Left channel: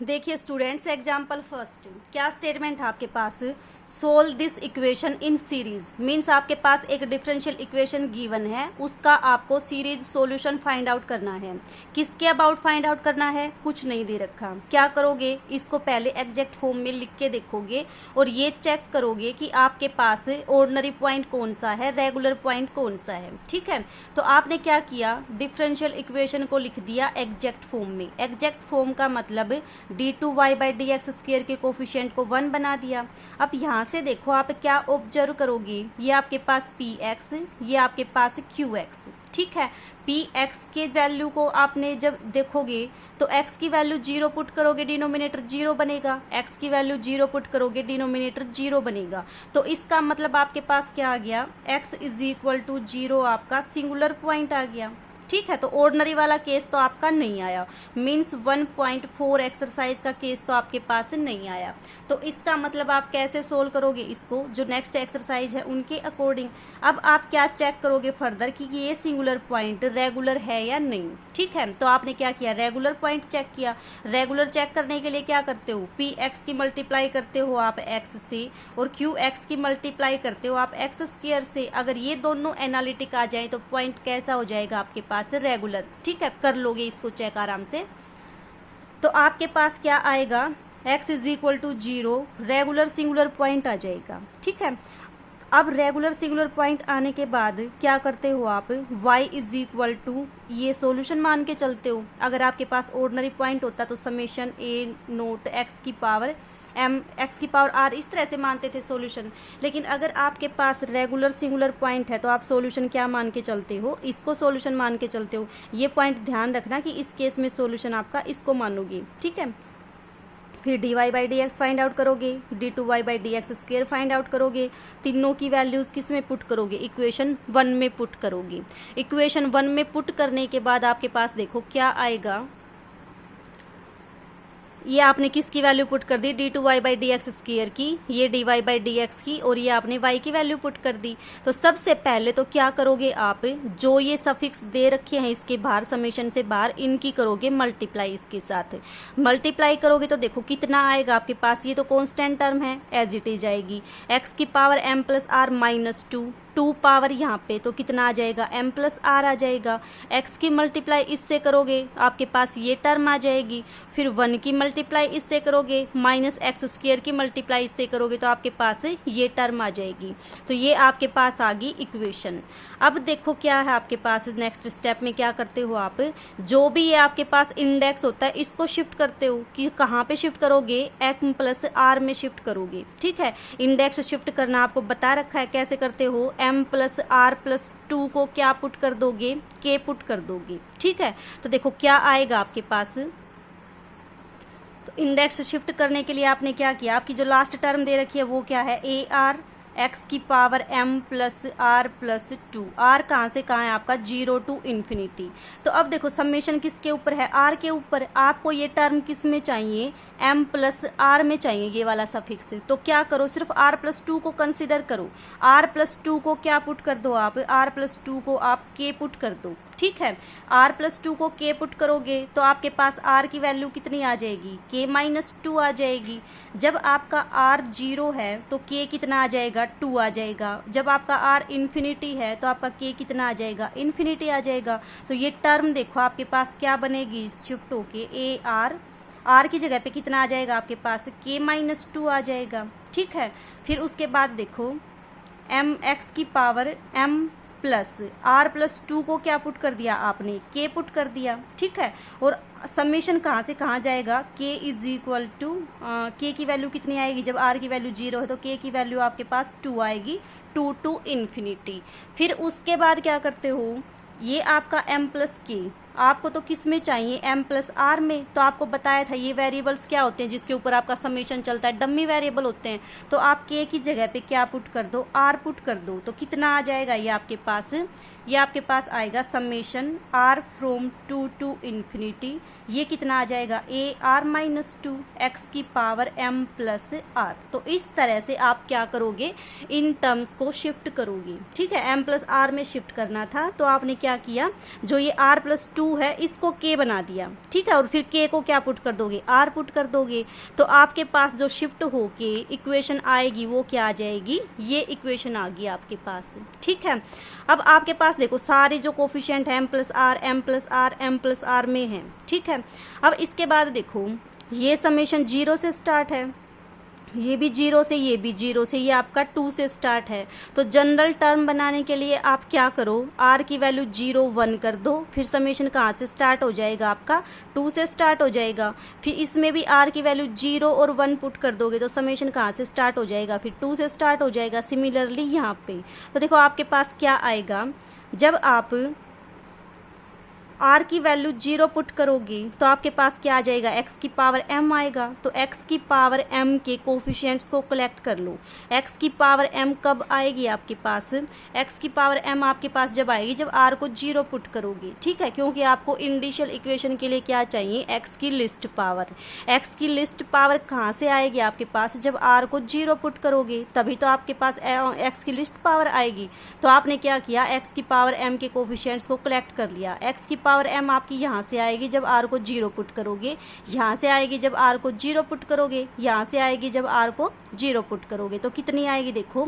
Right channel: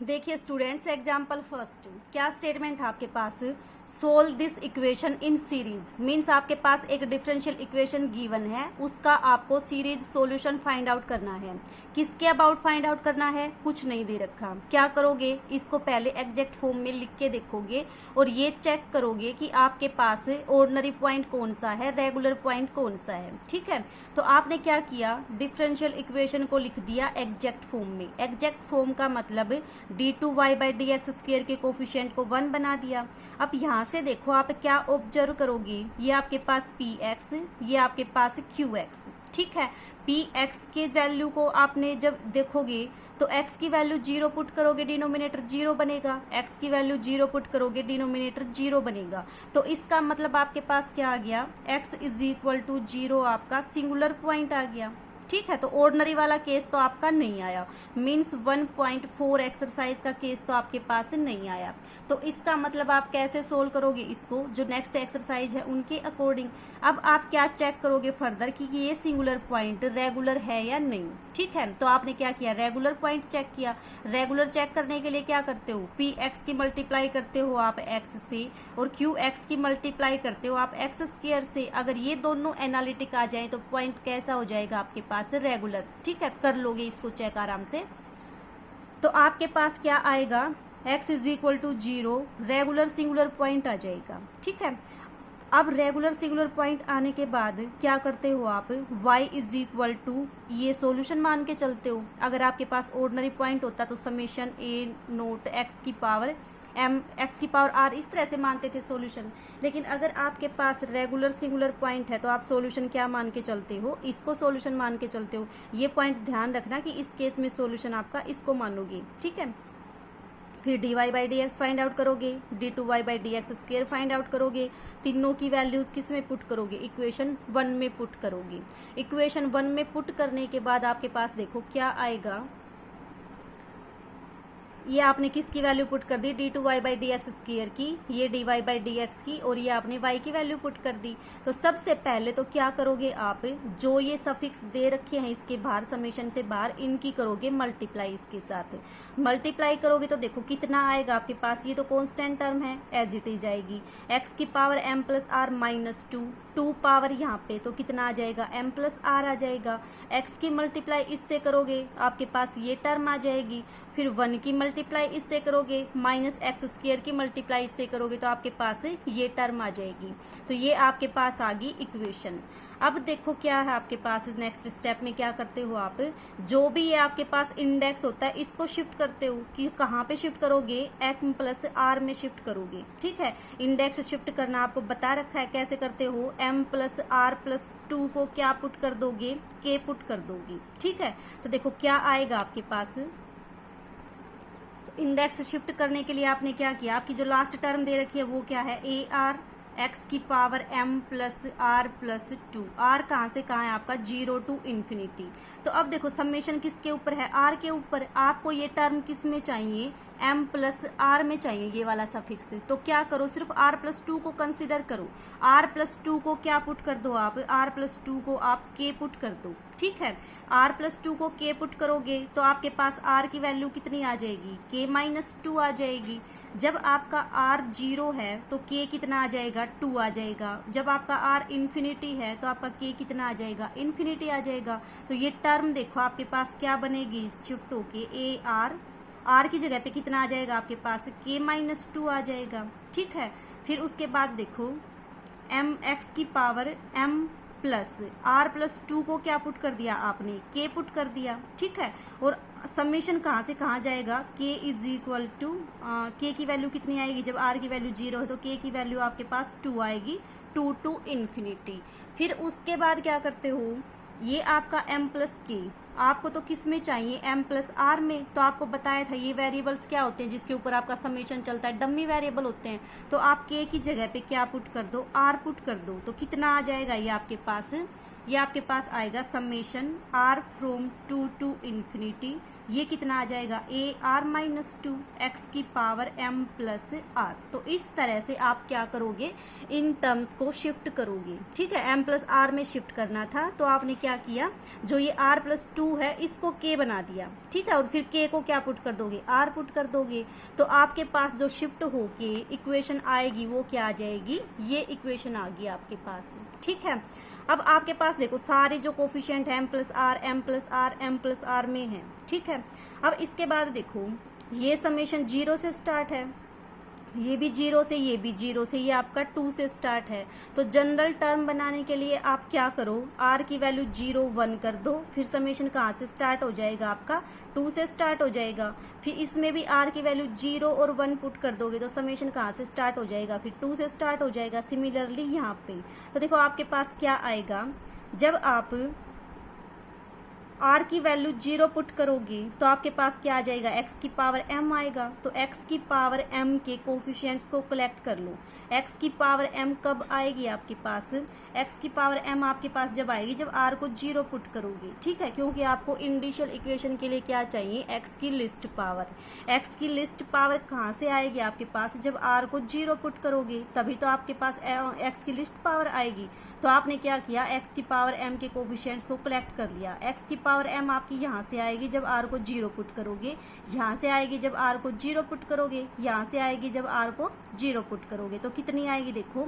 देखिए students, example first क्या statement है आपके पास। Solve this equation in series means आपके पास एक डिफरेंशियल इक्वेशन गिवन है, उसका आपको सीरीज सॉल्यूशन फाइंड आउट करना है। किसके अबाउट फाइंड आउट करना है, कुछ नहीं दे रखा। क्या करोगे, इसको पहले एग्जैक्ट फॉर्म में लिख के देखोगे और ये चेक करोगे कि आपके पास ऑर्डिनरी पॉइंट कौन सा है, रेगुलर पॉइंट कौन सा है। ठीक है, तो आपने क्या किया, डिफरेंशियल इक्वेशन को लिख दिया एग्जैक्ट फॉर्म में। एग्जैक्ट फॉर्म का मतलब d2y/dx² के कोफिशिएंट को 1 बना दिया। अब यहाँ से देखो आप क्या ऑब्जर्व करोगे, ये आपके पास px, ये आपके पास qx। ठीक है, px के वैल्यू को आपने जब देखोगे तो x की वैल्यू 0 पुट करोगे, डिनोमिनेटर 0 बनेगा। x की वैल्यू 0 पुट करोगे, डिनोमिनेटर 0 बनेगा। तो इसका मतलब आपके पास क्या आ गया, x = 0 आपका सिंगुलर पॉइंट आ गया। ठीक है, तो ऑर्डिनरी वाला केस तो आपका नहीं आया, मीन्स 1.4 एक्सरसाइज का केस तो आपके पास नहीं आया। तो इसका मतलब आप कैसे सोल्व करोगे इसको, जो नेक्स्ट एक्सरसाइज है उनके अकॉर्डिंग। अब आप क्या चेक करोगे फर्दर कि ये सिंगुलर पॉइंट रेगुलर है या नहीं। ठीक है, तो आपने क्या किया, रेगुलर पॉइंट चेक किया। रेगुलर चेक करने के लिए क्या करते हो, px की मल्टीप्लाई करते हो आप x से और qx की मल्टीप्लाई करते हो आप x² से। अगर ये दोनों एनालिटिक आ जाए तो पॉइंट कैसा हो जाएगा आपके पास, रेगुलर। ठीक है, कर लोगे इसको चेक आराम से। तो आपके पास क्या आएगा, x = 0 रेगुलर सिंगुलर पॉइंट आ जाएगा। ठीक है, अब रेगुलर सिंगुलर पॉइंट आने के बाद क्या करते हो आप, y = ये सॉल्यूशन मान के चलते हो। अगर आपके पास ऑर्डिनरी पॉइंट होता तो समेशन a0x⁴m(x⁴r) इस तरह से मानते थे सॉल्यूशन। लेकिन अगर आपके पास रेगुलर सिंगुलर पॉइंट है तो आप सॉल्यूशन क्या मान के चलते हो, इसको सॉल्यूशन मान के चलते हो। ये पॉइंट ध्यान रखना कि इस केस में सॉल्यूशन आपका इसको मानोगे। ठीक है, फिर dy/dx फाइंड आउट करोगे, d2y/dx² फाइंड आउट करोगे। तीनों की वैल्यूज़ किस में पुट करोगे, इक्वेशन 1 में पुट करोगे। इक्वेशन 1 में पुट करने के बाद आपके पास देखो क्या आएगा, ये आपने किसकी वैल्यू पुट कर दी, d2y/dx² की, ये dy/dx की, और ये आपने y की वैल्यू पुट कर दी। तो सबसे पहले तो क्या करोगे आप, जो ये सफिक्स दे रखे हैं इसके बाहर, समेशन से बाहर, इनकी करोगे मल्टीप्लाई इसके साथ। मल्टीप्लाई करोगे तो देखो कितना आएगा आपके पास, ये तो कॉन्स्टेंट टर्म है, एज इट इज आएगी। x⁻m+r-2, 2 पावर यहाँ पे तो कितना आ जाएगा, m+r आ जाएगा। x की मल्टीप्लाई इससे करोगे आपके पास ये टर्म आ जाएगी। फिर 1 की मल्टीप्लाई इससे करोगे, -x² की मल्टीप्लाई इससे करोगे तो आपके पास ये टर्म आ जाएगी। तो ये आपके पास आ गई इक्वेशन। अब देखो क्या है आपके पास, नेक्स्ट स्टेप में क्या करते हो आप, जो भी ये आपके पास इंडेक्स होता है इसको शिफ्ट करते हो। कि कहाँ पे शिफ्ट करोगे, m+r में शिफ्ट करोगे। ठीक है, इंडेक्स शिफ्ट करना आपको बता रखा है कैसे करते हो, m+r+2 को क्या पुट कर दोगे, k पुट कर दोगे। ठीक है, तो देखो क्या आएगा आपके पास। तो इंडेक्स शिफ्ट करने के लिए आपने क्या किया, आपकी जो लास्ट टर्म दे रखी है वो क्या है, ar(x⁻m+r+2), r कहाँ से कहाँ है आपका, 0 to ∞। तो अब देखो समेशन किसके ऊपर है, r के ऊपर। आपको ये टर्म किस में चाहिए, m+r में चाहिए, ये वाला सफिक्स। तो क्या करो, सिर्फ r+2 को कंसिडर करो। r+2 को क्या पुट कर दो आप, r+2 को आप k पुट कर दो। ठीक है, r+2 को k पुट करोगे तो आपके पास r की वैल्यू कितनी आ जाएगी, k-2 आ जाएगी। जब आपका r 0 है तो k कितना आ जाएगा, 2 आ जाएगा। जब आपका r इन्फिनिटी है तो आपका k कितना आ जाएगा, इन्फिनिटी आ जाएगा। तो ये टर्म देखो आपके पास क्या बनेगी, शिफ्ट होके r की जगह पे कितना आ जाएगा आपके पास, k-2 आ जाएगा। ठीक है, फिर उसके बाद देखो m(x⁻m+r+2) को क्या पुट कर दिया आपने, k पुट कर दिया। ठीक है, और समेशन कहाँ से कहाँ जाएगा, k की वैल्यू कितनी आएगी, जब r की वैल्यू 0 है तो k की वैल्यू आपके पास 2 आएगी, 2 to ∞। फिर उसके बाद क्या करते हो, ये आपका m+k आपको तो किस में चाहिए, m+r में। तो आपको बताया था ये वेरिएबल्स क्या होते हैं जिसके ऊपर आपका समेशन चलता है, डमी वेरिएबल होते हैं। तो आप k की जगह पे क्या पुट कर दो, r पुट कर दो। तो कितना आ जाएगा ये आपके पास, ये आपके पास आएगा summation r from 2 to infinity, ये कितना आ जाएगा ए आर माइनस 2 एक्स की पावर m प्लस आर। तो इस तरह से आप क्या करोगे, इन टर्म्स को शिफ्ट करोगे, ठीक है। m प्लस आर में शिफ्ट करना था तो आपने क्या किया, जो ये r प्लस 2 है इसको k बना दिया, ठीक है, और फिर k को क्या पुट कर दोगे, r पुट कर दोगे। तो आपके पास जो शिफ्ट होके इक्वेशन आएगी वो क्या आ जाएगी, ये इक्वेशन आ गई आपके पास, ठीक है। अब आपके पास देखो सारे जो कोफिशिएंट है m plus r m plus r m plus r में है, ठीक है। अब इसके बाद देखो ये समेशन 0 से स्टार्ट है, ये भी 0 से, ये भी 0 से, ये आपका 2 से स्टार्ट है। तो जनरल टर्म बनाने के लिए आप क्या करो, r की वैल्यू 0 1 कर दो, फिर समेशन कहाँ से स्टार्ट हो जाएगा आपका 2 से स्टार्ट हो जाएगा, फिर इसमें भी r की वैल्यू 0 और 1 पुट कर दोगे तो समेशन कहाँ से स्टार्ट हो जाएगा, फिर 2 से स्टार्ट हो जाएगा। सिमिलरली यहाँ पे तो देखो आपके पास क्या आएगा, जब आप r की वैल्यू 0 पुट करोगे तो आपके पास क्या आ जाएगा, x की पावर m आएगा। तो x की पावर m के कोफिशिएंट्स को कलेक्ट कर लो। x की पावर m कब आएगी आपके पास, x की पावर m आपके पास जब आएगी जब r को 0 पुट करोगे, ठीक है, क्योंकि आपको इंडिशियल इक्वेशन के लिए क्या चाहिए, x की लिस्ट पावर। x की लिस्ट पावर कहाँ से आएगी आपके पास, जब r को 0 पुट करोगे तभी तो आपके पास x की लिस्ट पावर आएगी। तो आपने क्या किया, x की पावर m के कोफिशिएंट्स को कलेक्ट कर लिया। x की पावर m आपकी यहाँ से आएगी जब r को 0 पुट करोगे, यहाँ से आएगी जब r को 0 पुट करोगे, यहाँ से आएगी जब r को 0 पुट करोगे। तो कितनी आएगी देखो,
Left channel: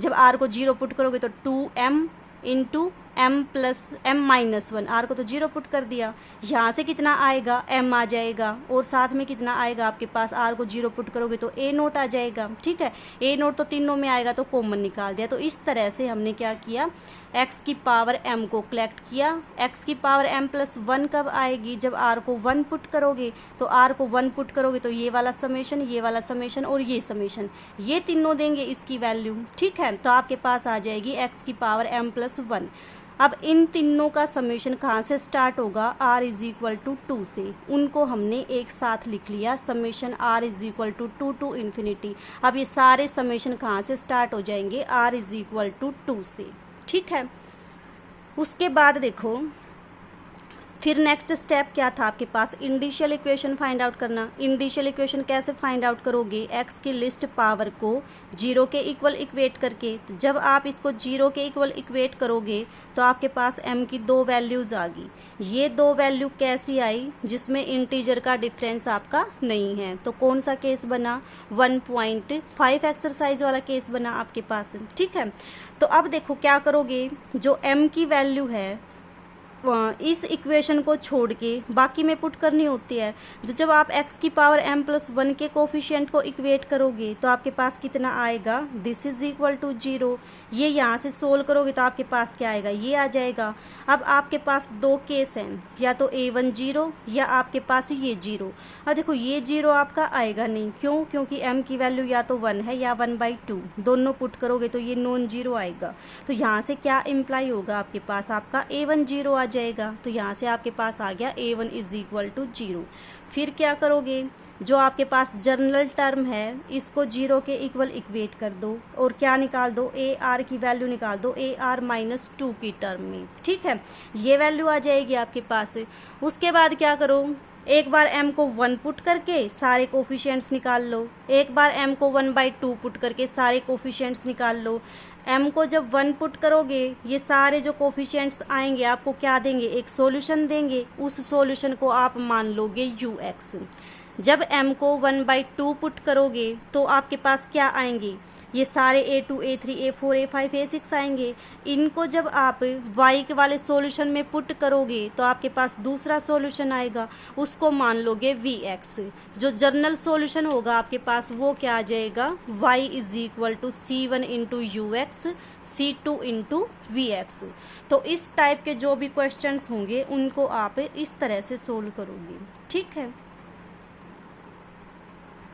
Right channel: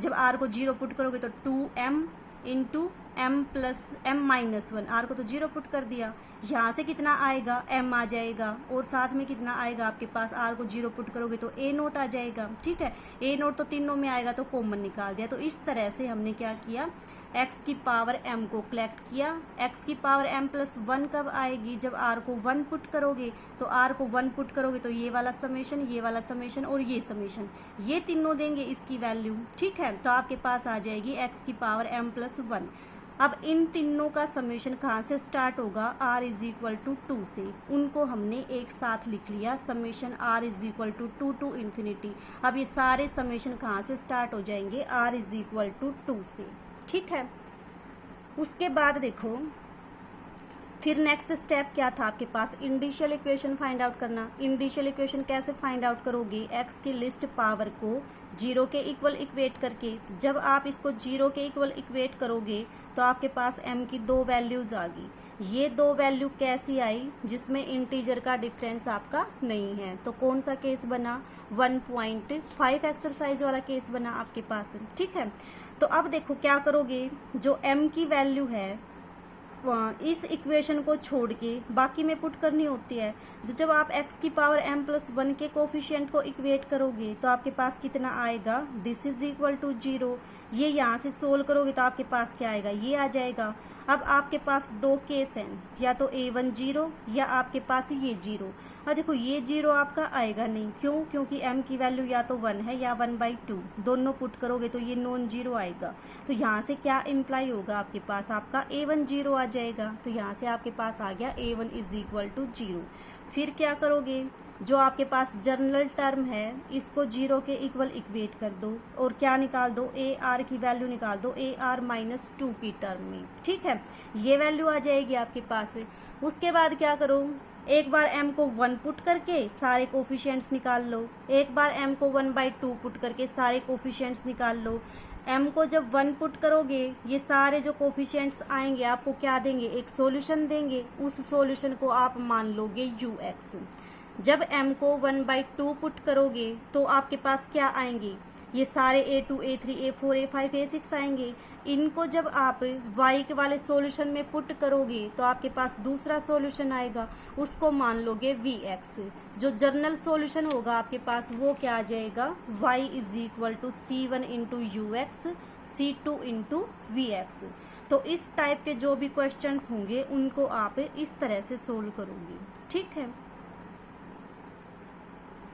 जब r को 0 पुट करोगे तो 2m into m plus m minus 1, r को तो 0 पुट कर दिया, यहाँ से कितना आएगा m आ जाएगा, और साथ में कितना आएगा आपके पास, r को 0 पुट करोगे तो a नोट आ जाएगा, ठीक है। a नोट तो तीनों में आएगा तो कॉमन निकाल दिया। तो इस तरह से हमने क्या किया, x की पावर m को कलेक्ट किया। x की पावर m प्लस 1 कब आएगी, जब r को 1 पुट करोगे। तो r को 1 पुट करोगे तो ये वाला समेशन, ये वाला समेशन और ये समेशन, ये तीनों देंगे इसकी वैल्यू, ठीक है। तो आपके पास आ जाएगी x की पावर m प्लस 1। अब इन तीनों का समेशन कहाँ से स्टार्ट होगा, r इज इक्वल टू 2 से, उनको हमने एक साथ लिख लिया, summation r is equal to 2 to infinity. अब ये सारे समेशन कहाँ से स्टार्ट हो जाएंगे, r इज इक्वल टू 2 से, ठीक है। उसके बाद देखो फिर नेक्स्ट स्टेप क्या था आपके पास, इंडिशियल इक्वेशन फाइंड आउट करना। इंडिशियल इक्वेशन कैसे फाइंड आउट करोगे, x की लिस्ट पावर को 0 के इक्वल इक्वेट करके। तो जब आप इसको 0 के इक्वल इक्वेट करोगे तो आपके पास m की 2 वैल्यूज़ आ गई। ये 2 वैल्यू कैसी आई, जिसमें इंटीजर का डिफरेंस आपका नहीं है। तो कौन सा केस बना, 1.5 एक्सरसाइज वाला केस बना आपके पास, ठीक है। तो अब देखो क्या करोगे, जो m की वैल्यू है इस इक्वेशन को छोड़ के बाकी में पुट करनी होती है। जब आप x की पावर m प्लस 1 के कोफिशिएंट को इक्वेट करोगे तो आपके पास कितना आएगा, दिस इज इक्वल टू 0। ये यहाँ से सोल्व करोगे तो आपके पास क्या आएगा, ये आ जाएगा। अब आपके पास 2 केस हैं, या तो a1 0 या आपके पास ये 0। अब देखो ये 0 आपका आएगा नहीं, क्यों, क्योंकि m की वैल्यू या तो 1 है या 1/2, दोनों पुट करोगे तो ये नॉन 0 आएगा। तो यहाँ से क्या इम्प्लाई होगा आपके पास, आपका a1 0 आ जाएगा। तो यहाँ से आपके पास आ गया a1 इज इक्वल टू 0। फिर क्या करोगे, जो आपके पास जनरल टर्म है इसको 0 के इक्वल इक्वेट कर दो और क्या निकाल दो, ए आर की वैल्यू निकाल दो ए आर माइनस 2 की टर्म में, ठीक है। ये वैल्यू आ जाएगी आपके पास। उसके बाद क्या करो, एक बार m को 1 पुट करके सारे कोफिशिएंट्स निकाल लो, एक बार m को 1/2 पुट करके सारे कोफिशिएंट्स निकाल लो। m को जब 1 पुट करोगे ये सारे जो कोफिशिएंट्स आएंगे आपको क्या देंगे, एक सॉल्यूशन देंगे। उस सॉल्यूशन को आप मान लोगे ux। जब m को 1/2 पुट करोगे तो आपके पास क्या आएंगे, ये सारे a2 a3 a4 a5 a6 आएंगे। इनको जब आप y के वाले सॉल्यूशन में पुट करोगे तो आपके पास दूसरा सॉल्यूशन आएगा, उसको मान लोगे vx। जो जर्नल सॉल्यूशन होगा आपके पास वो क्या आ जाएगा, y is equal to c1 into ux c2 into vx। तो इस टाइप के जो भी क्वेश्चंस होंगे उनको आप इस तरह से सोल्व करोगे, ठीक है।